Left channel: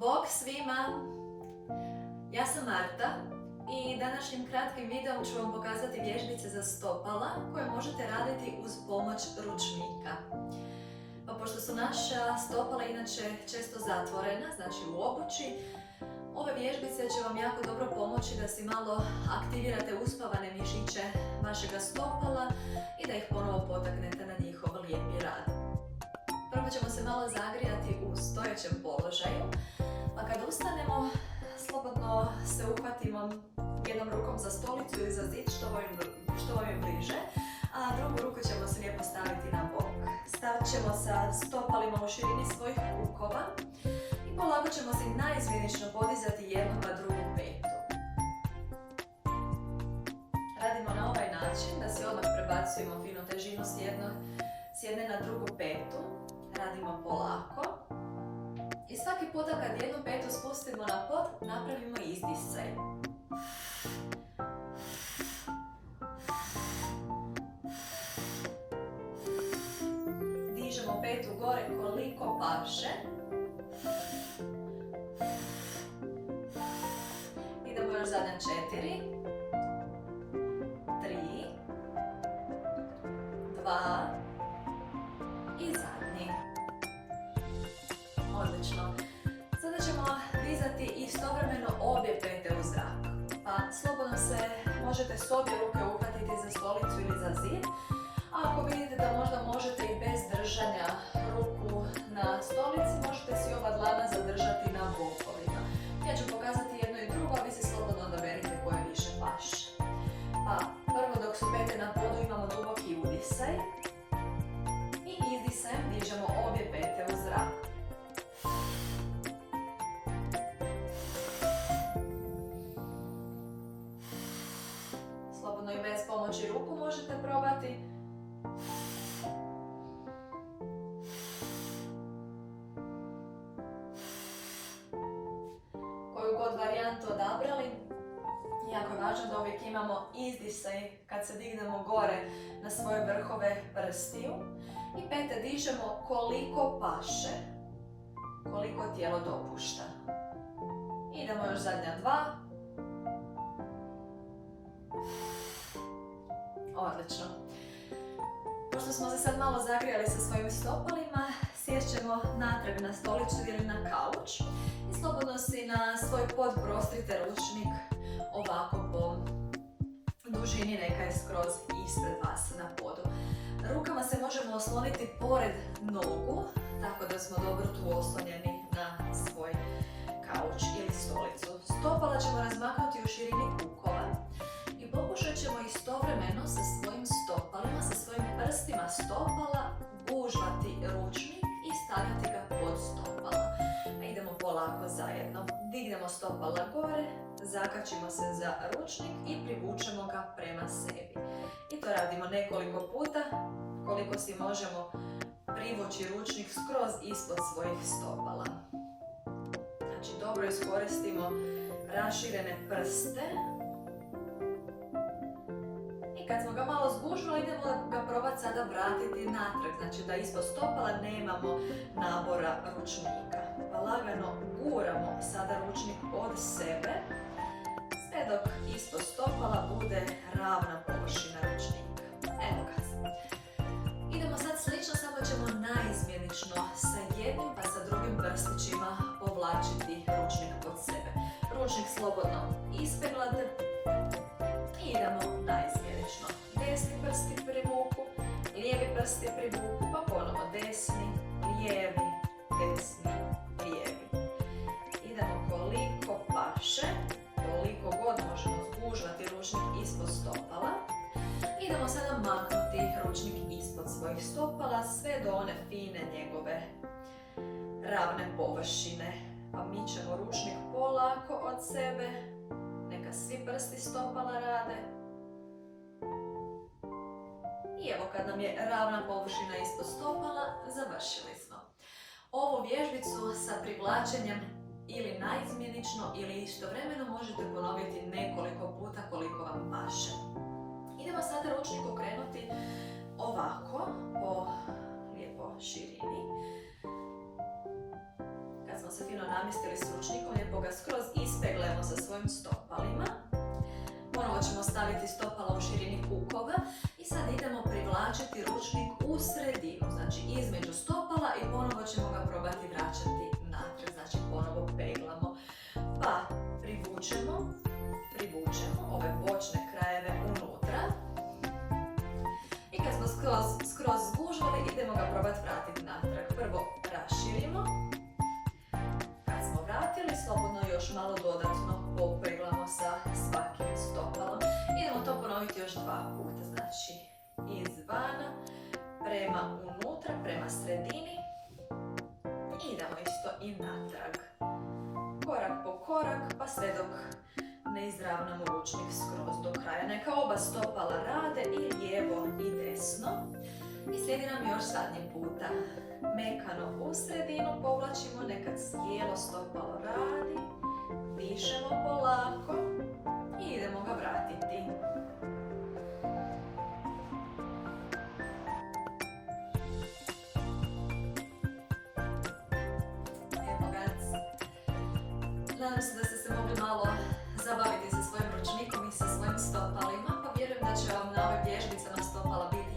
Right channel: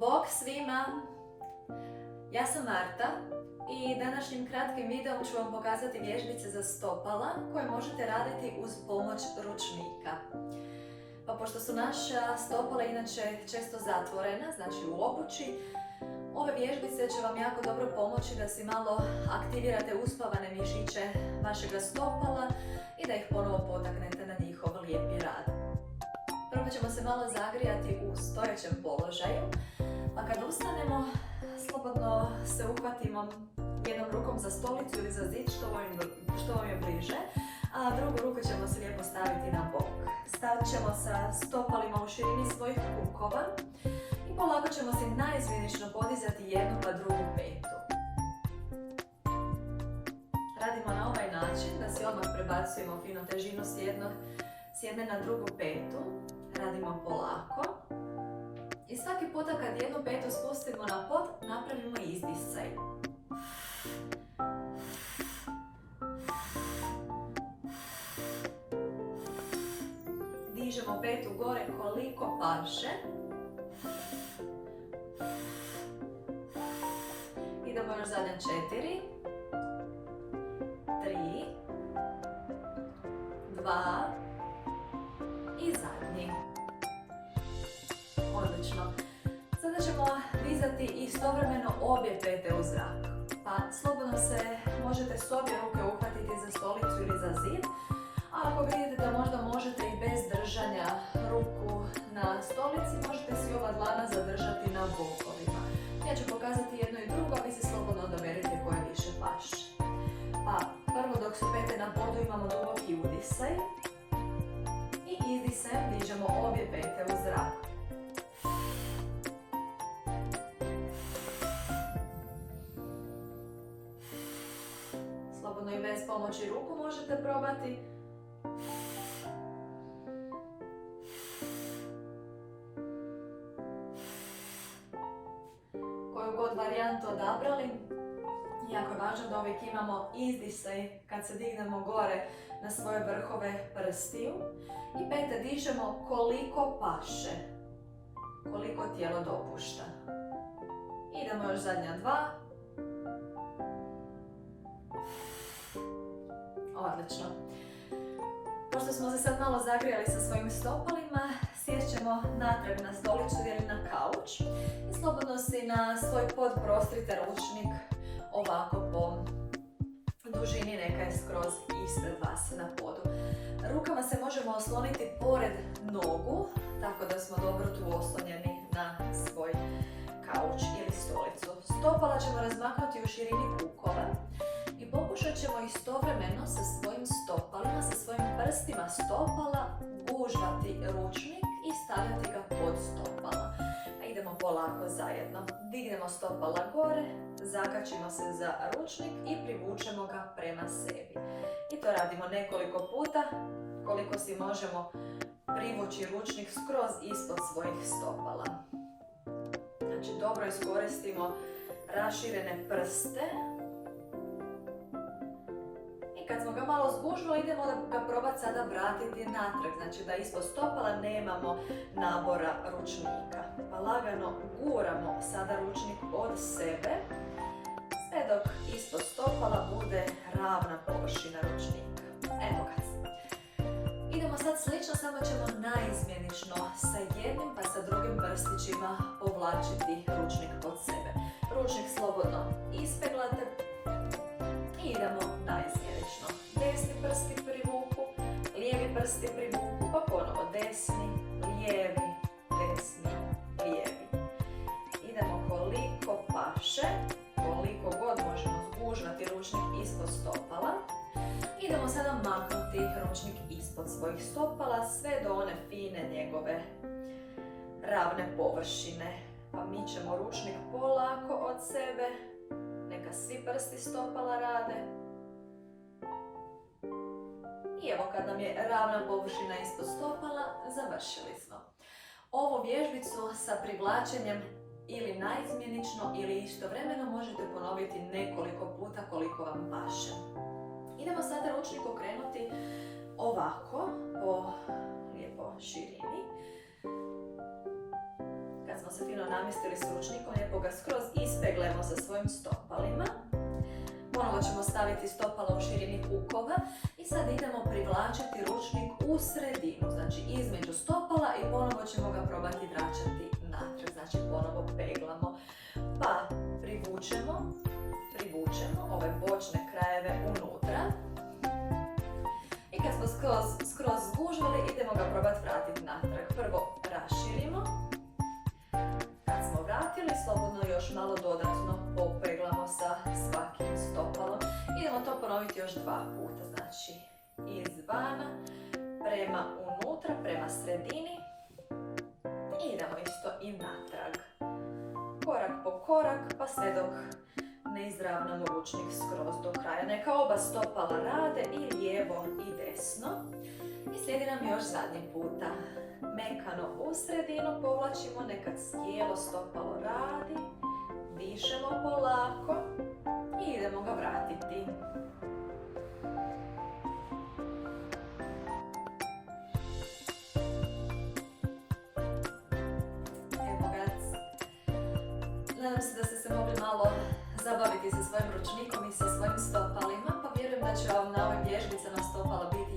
Bog svima! Ja sam Marta i današnjim kratkim videom ću vam pokazati vježbice za stopala koje možete raditi uz pomoć ručnika. Pa pošto su naša stopala inače često zatvorena, znači u obući, ove vježbice će vam jako dobro pomoći da si malo aktivirate uspavane mišiće vašega stopala i da ih ponovo potaknete na njihov lijepi rad. Prvo ćemo se malo zagrijati u stojećem položaju, pa kad ustanemo, slobodno se uhvatimo jednom rukom za stolicu ili za zid, što vam je bliže, a drugu ruku ćemo se lijepo staviti na bok. Stavit ćemo sa stopalima u širini svojih kukova i polako ćemo se naizmjenično podizati jednu pa drugu petu. Radimo na ovaj način da si odmah prebacujemo fino težinu s jedne na drugu petu. Radimo polako. I svaki puta kad jednu petu spustimo na pod, napravimo izdisaj. Dižemo petu gore koliko paše. Idemo još zadnja 4, 3, 2 i zadnji. Odlično. Sada ćemo dizati istovremeno obje pete u zrak. Pa slobodno se možete s obje ruke uhvatiti za stolicu ili za zid. A ako vidite da možda možete i bez držanja ruku na stolici, možete si oba dlana zadržati na bokovima. Ja ću pokazati jedno i drugo, a vi si slobodno odaberite koje više paše. Pa prvo dok su pete na podu imamo duboki udisaj. I izdisajem dižemo obje pete u zrak. Slobodno i bez pomoći ruku možete probati. Koju god varijantu odabrali, jako je važno da uvijek imamo izdisaj kad se dignemo gore na svoje vrhove prstiju i pete dižemo koliko paše, koliko tijelo dopušta. Idemo još zadnja 2. Odlično. Pošto smo se sad malo zagrijali sa svojim stopalima, sjest ćemo natrag na stolicu ili na kauč i slobodno si na svoj pod prostrite ručnik ovako po dužini, neka je skroz ispred vas na podu. Rukama se možemo osloniti pored nogu, tako da smo dobro tu oslonjeni na svoj kauč ili stolicu. Stopala ćemo razmaknuti u širini kukova i pokušat ćemo istovremeno sa svojim stopalima, sa svojim prstima stopala gužvati ručnik i stavljati ga pod stopala. Pa idemo polako zajedno. Dignemo stopala gore, zakačimo se za ručnik i privučemo ga prema sebi. I to radimo nekoliko puta, koliko si možemo privući ručnik skroz ispod svojih stopala. Znači dobro iskoristimo raširene prste. I kad smo ga malo zgužvali, idemo ga probati sada vratiti natrag, znači da ispod stopala nemamo nabora ručnika. Pa lagano guramo sada ručnik od sebe, sve dok ispod stopala bude ravna površina ručnika. Evo ga. Idemo sad slično, samo ćemo naizmjenično sa jednim pa sa drugim prstićima povlačiti ručnik pod sebe. Ručnik slobodno ispeglate i idemo naizmjenično. Desni prsti privuku, lijevi prsti privuku, pa ponovo desni, lijevi, desni, lijevi. Idemo koliko paše, koliko god možemo zgužvati ručnik ispod stopala. Idemo sada maknuti ručnik ispod svojih stopala sve do one fine njegove ravne površine. Pa mičemo ručnik polako od sebe, neka svi prsti stopala rade. I evo kad nam je ravna površina ispod stopala, završili smo. Ovu vježbicu sa privlačenjem ili naizmjenično ili istovremeno možete ponoviti nekoliko puta koliko vam paše. Idemo sada ručnik okrenuti ovako po lijepo širini. Kad kad smo se fino namjestili s ručnikom, lijepo ga skroz ispeglemo sa svojim stopalima. Ponovo ćemo staviti stopala u širini kukova i sad idemo privlačiti ručnik u sredinu, znači između stopala i ponovo ćemo ga probati vraćati natrag, znači ponovo peglamo. Pa privučemo ove bočne krajeve unutra i kad smo skroz zgužvali, idemo ga probati vratiti natrag. Prvo raširimo, kad smo vratili, slobodno još malo dodatno popeglamo sa svakim stopalom. Idemo to ponoviti još 2 puta, znači izvana prema unutra, prema sredini i idemo isto i natrag. Korak po korak, pa sve dok ne izravnamo ručnik skroz do kraja. Neka oba stopala rade i lijevo i desno. I slijedi nam još zadnji puta. Mekano u sredinu povlačimo, neka cijelo stopalo radi. Dišemo polako i idemo ga vratiti. Evo ga. Nadam se da ste se mogli malo zabaviti sa svojim ručnikom i sa svojim stopalima, pa vjerujem da će vam na ovim vježbicama stopala biti